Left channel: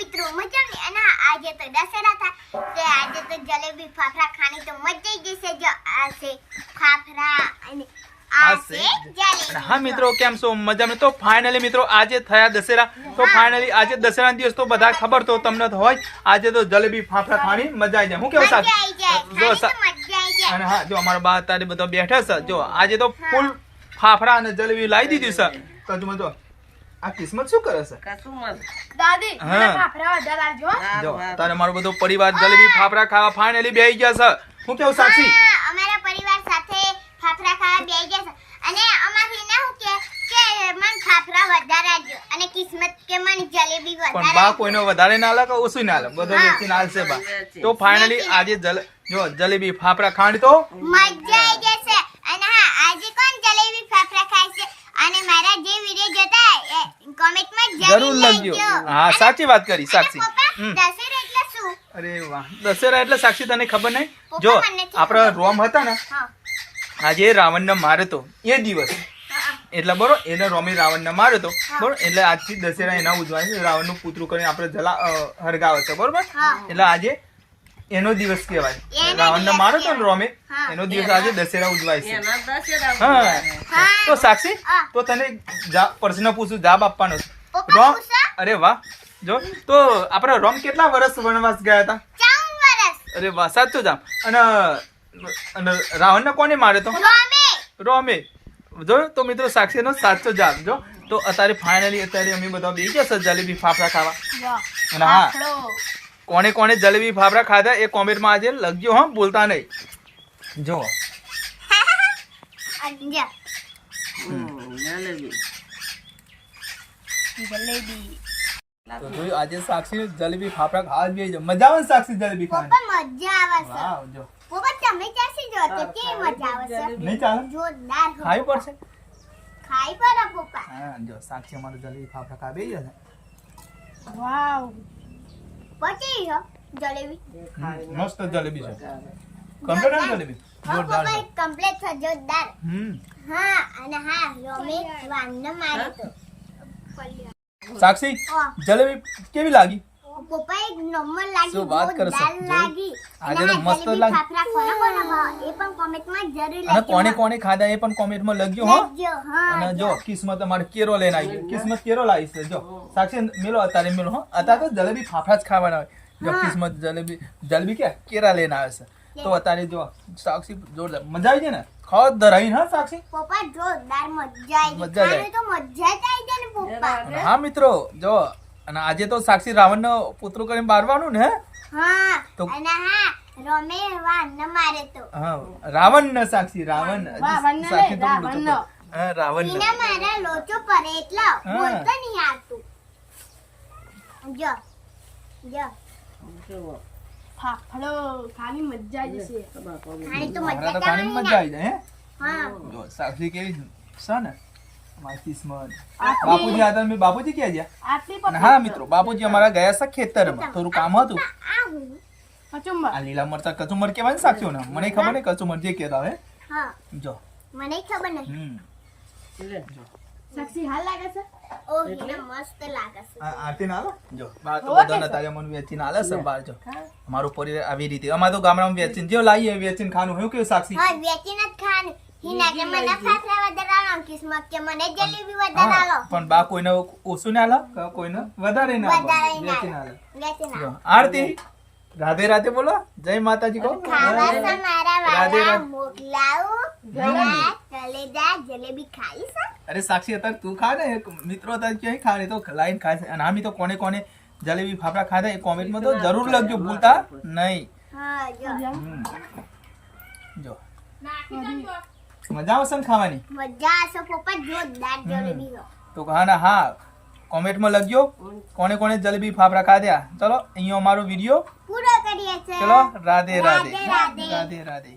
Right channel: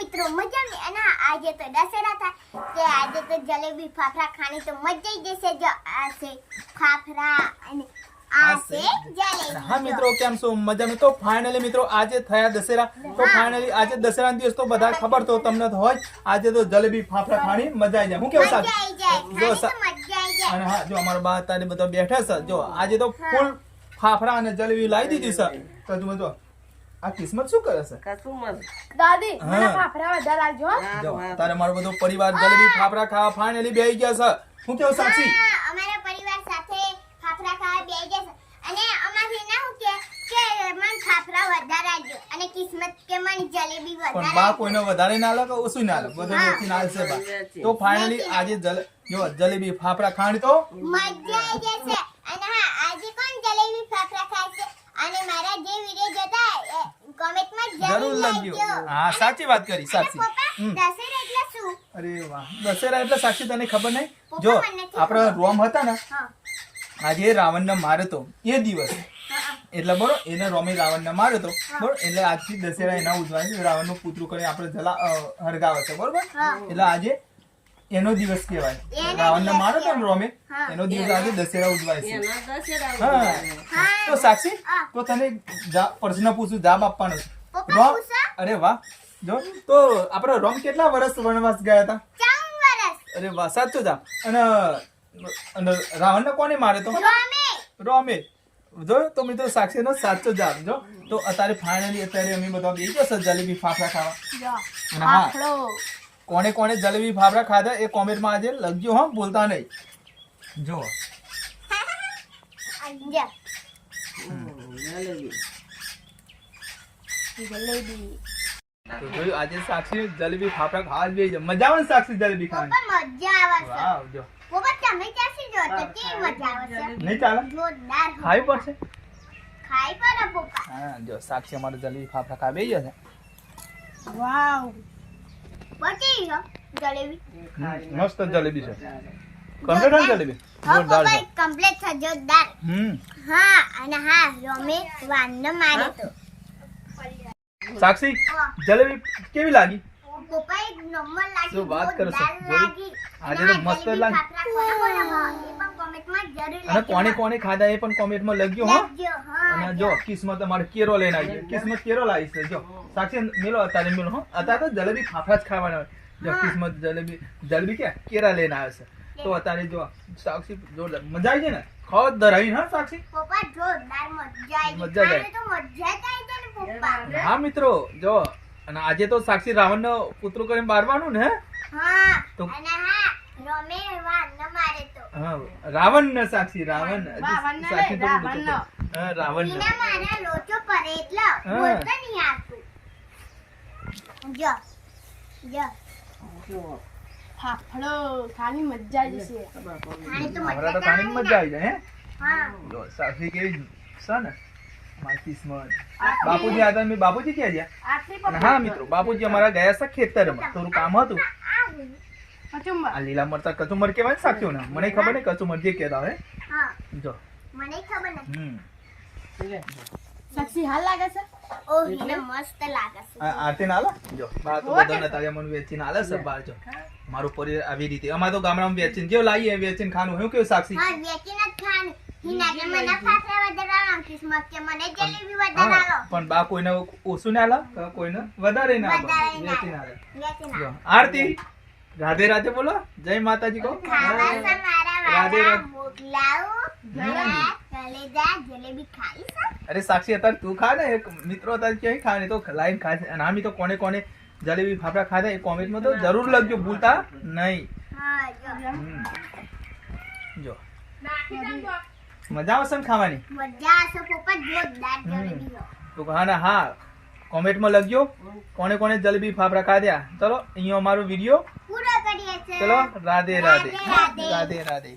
મિત્રો મજા ને અને આજે તો દશેરા થાય તે આજે તો જલેબી ફાફડા ખાણી તો મજા આવી જશે જો. આ છે ફાફડા અને હા મિત્રો કેમ છો? મજામાં? તો ફાઇનલી મિત્રો આજે થયા દશેરા. તો ફાઇનલી આજે દશેરા દિવસ તો બધા ખબર તો તમને તો હોય. આજે તો જલેબી ફાફડા ખાણી મજા આવી જાય. હું કેવું સાહેબ જો મજા અને હા જો અમારા બા અત્યારે બધા બેઠા છે. જો આજે તો ફૂલ ફાફડા અને જલેબી લાવી દીધી છે. તો જો આ કિસ્મત શું કરે છે? કશું મત દાદી મને ફાફડા વધારે આલજો જો તારે મારો બધો પરિવાર જલેબી ફાફડા ખાવા ફાઇનલી બેહી ગયા છે. હું કેવું સાક્ષી? અમારા પરિવાર સાથે ફાફડા ખાવા બેસી જશે અને અમારી ના હું કે કે મન ફાફડા વધારે આપજો અને કિસ્મત કે મન જલેબી પણ વધારે બા કોઈનો વધારે ના લાગે ઓછું ના લાગે. બધો બા. તો ફાઇનલી આજે જલ જો જલેબી ફાફડા ખાવાની તો મજા આવી જશે અને હા આજે કોણ જલેબી ફાફડા ખાય છે અને મારા જે વિડિયો જોતા કોમેન્ટમાં જરૂર જરૂર લખજો લખજો હા સાચી વાત કરી સાક્ષી પપ્પા હમ. દશેરા એટલે શું? અરે વાહ દશેરા એટલે સાક્ષી તને ખબર નહીં? જો આપણો. રોમ હતા ને હા. આજે રાવણને માર્યો તો એ દિવસ. એટલે બરોબર એને રોમે રાવણને માર્યો તો બરોબર એટલે આજથી દશેરા એના ઉજવાય છે રાવણનું પુતરું કરીને આપણે જલા હરગાવે છે બરોબર? એટલે આજે એનો દિવસ કહેવાય. એનો રાવણને માર્યો તો ને રોમે એનો દિવસ આજે દશેરા ઉજવાય છે. હા. તો સાક્ષી તો તને જા- પ્રશ્ન પૂછું જવાબ આપવાનો છે. રોમ પૂછો. અરે વાહ. જો તો આપણા રોમ કેટલા વર્ષ વનવાસ ગયા હતા? અરે વાહ સાચું જામ અને અને રાવણને કોને માર્યો તો? રોમે. રોમે. જો તો મિત્રો સાક્ષીનો સાચો જવાબ જો. તો અત્યારે ફાઇનલી અત્યારે અમે બધા બે ગયા સર જલેબી ફાફડા ખાવા. અને હા. કોને કોને જલેબી ફાફડા ખાધા એ કોમેન્ટમાં આજે લખજો હા બોલતા નહીં. જો. જો જલેબી. જલેબી. તો જોયું આજે સાક્ષી જલેબી ફાફડા ખાવા જ મજા આવે સાક્ષી જલેબી ખાવાની? મજા આવે વાહ વાવ જો. પપ્પા તમે ચાસી જો તો કે મજા આવે નહીં ચાલે? જોરદાર ખાઈ પડશે? ખાઈ પડે પપ્પા. હા જો સાક્ષી અમારે જલેબી ફાફડા ખાવા બેસી છે. વાવ. પચી હો જલેબી. મસ્ત જલેબી છે. કમ્પ્લીટ જલેબી? હા જોરદાર પપ્પા કમ્પ્લીટ છે જોરદાર. હમ. હા અને હા રોમે વાનને મારે તો. સાક્ષી જલેબી કેવી લાગી? શું વાત કરો છો? જોયું? આજે તો મસ્ત લાગી. અને કોને કોને ખાધા એ પણ કોમેન્ટમાં લખજો હો. અને જો કિસ્મત અમારે કેરો લઈને આવી કિસ્મત કેરો લાવી છે જો. સાક્ષી મેલો અત્યારે મેલો હો. અત્યારે તો જલેબી ફાફડા જ ખાવાના હોય. જો. કિસ્મત જલેબી જલેબી કે કેરા લઈને આવે છે. તો અત્યારે જો સાક્ષી જોરદાર. મજા આવી છે ને? ખાવા ધરાવી હા સાક્ષી? પપ્પા જોરદાર મજા આવી મજા તો મજા જ આવી જાય ને પપ્પા. હા મિત્રો જો અને આજે તો સાક્ષી રાવણનો પુત્રો કરીને મારવાનું ને હા? તો- અને હા રોમે વાનને મારે તો. હા રાવણ ને સાક્ષી રાવણ. સાક્ષી તો. હા રાવણ ને મારા લોચો પડે એટલે બોલતો નહીં આવતું. જો જો. કેવો ફાફડો ખાની મજા આવી જશે ખબર તો ખાની મજા આવે ને. જાય હે? હા. જો સાક્ષી કેવી છે? ને? અમારી કિસ્મત. બાપુજી આ તમે બાપુજી ક્યાં ગયા? હા મિત્રો બાપુજી અમારા ગયા છે ખેતરમાં. થોડું કામ હતું. આ લીલા મરચા કચુમર કેવાય ને સાક્ષીઓ ને મને ખબર નહીં કચુમર જે કહેતા હોય હા? જો. મને ખબર નહીં. હમ. સાક્ષી હાલ લાગે છે? મારું પરિવાર આવી રીતે. અમારે તો ગામડામાં વેચીને જેવું લાવીએ વેચીને ખાનું હું કેવું સાક્ષી? પણ બા કોઈને ઓછું ના આલે? કોઈને વધારે ના આલે? વેચીને આલે. આરતી રાધે રાધે બોલો. જય માતાજી કહો. રાધે રાધે. અરે સાક્ષી અત્યારે તું ખા ને. એક મિત્રો અત્યારે ક્યાંય ખા ને તો લાઈન ખાય છે. અને આમી તો કોને કોને જલેબી ફાફડા ખાધા એ કોમેન્ટમાં તો જરૂર લખજો ભૂલતા નહીં. જો. મજા આવશે ને ખાવાની? મજા આવશે પપ્પા જોરદાર જલેબી તો હા ને હા. કોમેન્ટમાં લખજો કોને કોને જલેબી ફાફડા ખાધ્યા ચલો અહીંયા અમારો વીડિયો પૂરો કરીએ ચલો રાધે રાધે. રાધે રાધે.